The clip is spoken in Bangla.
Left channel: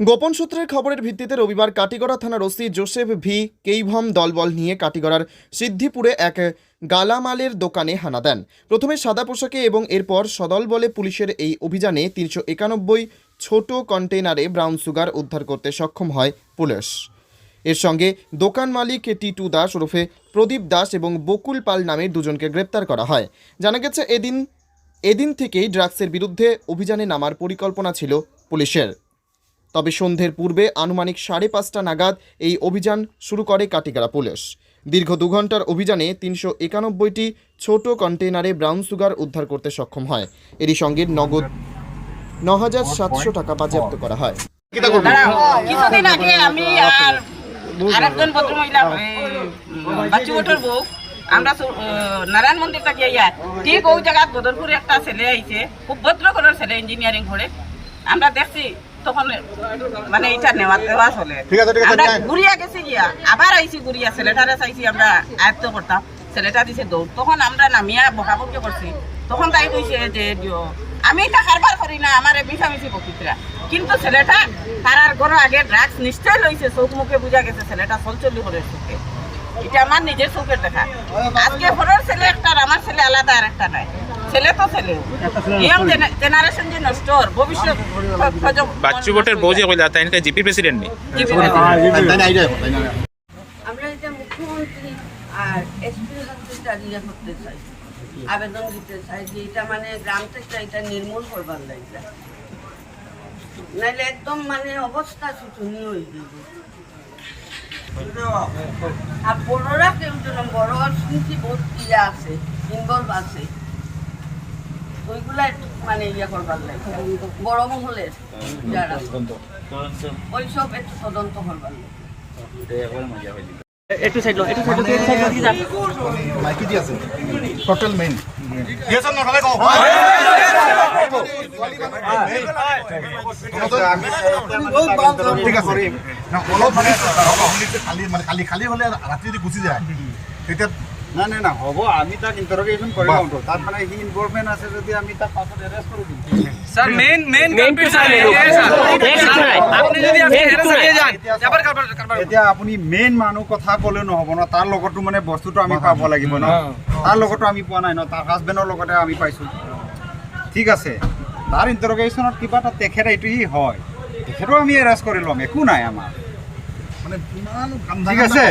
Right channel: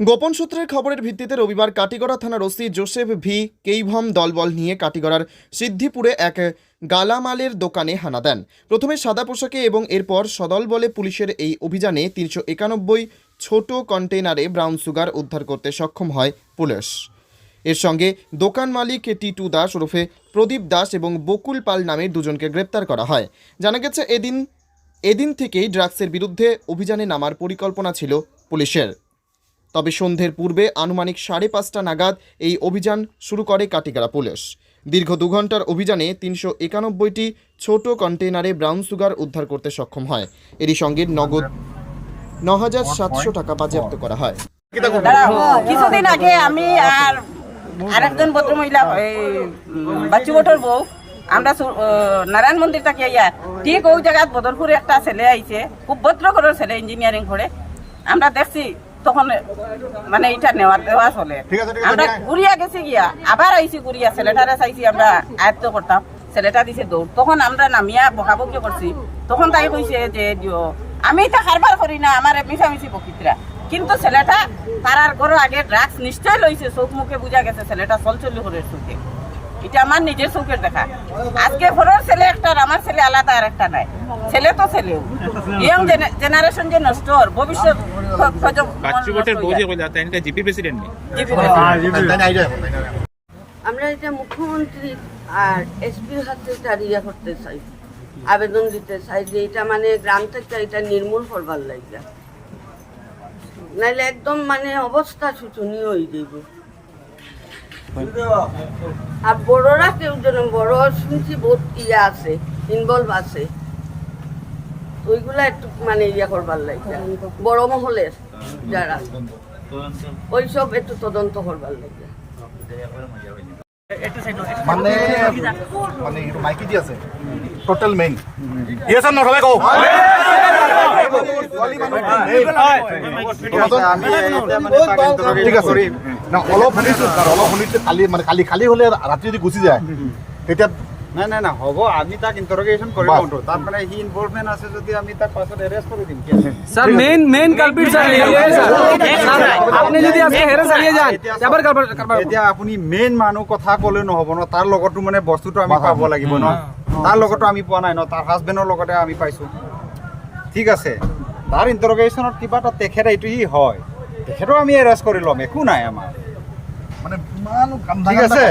গোপন সূত্রের খবরের ভিত্তিতে রবিবার কাটিগড়া থানার ওসি জোসেফ ভি কেইভম দলবল নিয়ে কাটিগড়ার সিদ্ধিপুরে এক গালামালের দোকানে হানা দেন। প্রথমে সাদা পোশাকে এবং এরপর সদল বলে পুলিশের এই অভিযানে তিনশো একানব্বই ছোট কন্টেনারে ব্রাউন সুগার উদ্ধার করতে সক্ষম হয় পুলিশ। এর সঙ্গে দোকান মালিক টিটু দাস ওরফে প্রদীপ দাস এবং বকুল পাল নামে দুজনকে গ্রেপ্তার করা হয়। জানা গেছে, এদিন এদিন থেকেই ড্রাগসের বিরুদ্ধে অভিযানে নামার পরিকল্পনা ছিল পুলিশের। তবে সন্ধ্যের পূর্বে আনুমানিক সাড়ে পাঁচটা নাগাদ এই অভিযান শুরু করে কাটিগাড়া পুলিশ। দীর্ঘ দু ঘণ্টার অভিযানে তিনশো একানব্বইটি ছোট কন্টেনারে ব্রাউন সুগার উদ্ধার করতে সক্ষম হয়। এরই সঙ্গে নগদ ন হাজার সাতশো টাকা বাজেয়াপ্ত করা হয়। কিছুদিন আগে আমি আর আরেকজন ভদ্রমহিলা বাচ্চু বউ, আমরা নারায়ণ মন্দির ইয়া, ঠিক ওই জায়গায় বদরপুরে একটা ছেলে আইছে, খুব ভদ্র ঘরের ছেলে ইঞ্জিনিয়ারিং করে। আমরা দেখছি তখন মানে এটা নেওয়া নেওয়া চলে। আমরা ঘুরিয়া গেছি গিয়া আবার আইছি ঘুরিয়া ছেলেটারে চাইছি আমরা আয়ত্ত করতাম। ছেলেটা দিছে দৌড়। তখন আমরা নামিয়া বকাবকি করছি তখন তাই কইছে যে দিও আমি এটা কারবার করি না আমার মিশামিশি বকিতরা কিন্তু ছেলেটা তার আর ঘরে আগে ড্রাগস নিশ্চয় লইছে চোখ মুখে বুঝা গেছে ছেলেটা চলচলি করে চোখে এটা আমার নিজের চোখের দেখা। আজকে ঘরের ছেলে একটা আর আমার ছেলে আলাদা আর একটা নয় ছেলে তো ছেলে। ইয়ং জেনারেশন যে নষ্ট ওর ভবিষ্যৎ বাচ্চু ভোটের বউ যে কইলা তাই জিপি প্রেসিডেন্ট নি? আমরা এটা মুখ্যমন্ত্রী আর এসপির হাতে ইয়ে করতে চাই আবেদন দিতে চাই যে এটা মানে গ্রাম থেকে এটা নির্মূল করবার লাগে নাইলে একদম মানে অবস্থা শোচনীয় হয়ে যাইব। আর বড়রা কেউ যেন বড় শুনছি বহুত ইয়ে আছে ইনভলভ আছে। ওইগুলা একটু মানে ইয়ে করবার লাগে বড় মহলের যারা ওইসব একটু তদন্ত করবার লাগে মাইকি টোটাল মেইন মানে খালি মানে খালি খালি হলে ৰাতি যদি গুচি যায় তেতিয়া নাই নাই না হ'ব আমি তাক ইণ্টাৰগেশ্যন কৰি লওঁ তো তাত মানে সি ইনভলভমেণ্ট আছে যদি আমি তাক পাছত এৰেষ্ট কৰি দিম sir main main culprit sir আপনি যদি আজকে হেরে চালিয়ে যান এবার এতিয়া আপুনি মেইন মানুহ কথা ক'লেও নহ'ব ন তাৰ লগতো মানে বস্তুটো আমি পাব লাগিব ন। তাৰ লগতো আমি পোৱা নাই ন তাৰ হাজবেণ্ডৰ লগতে আমি পাইছোঁ। ঠিক আছে। তাৰ ইণ্টাৰগেশ্যনত কিবা এটা তেখেত এইটো সি হয়। তেখেতো আমি এৰেষ্ট কৰি ল'ম একো নাই আমাৰ। মানে ঠিক আছে।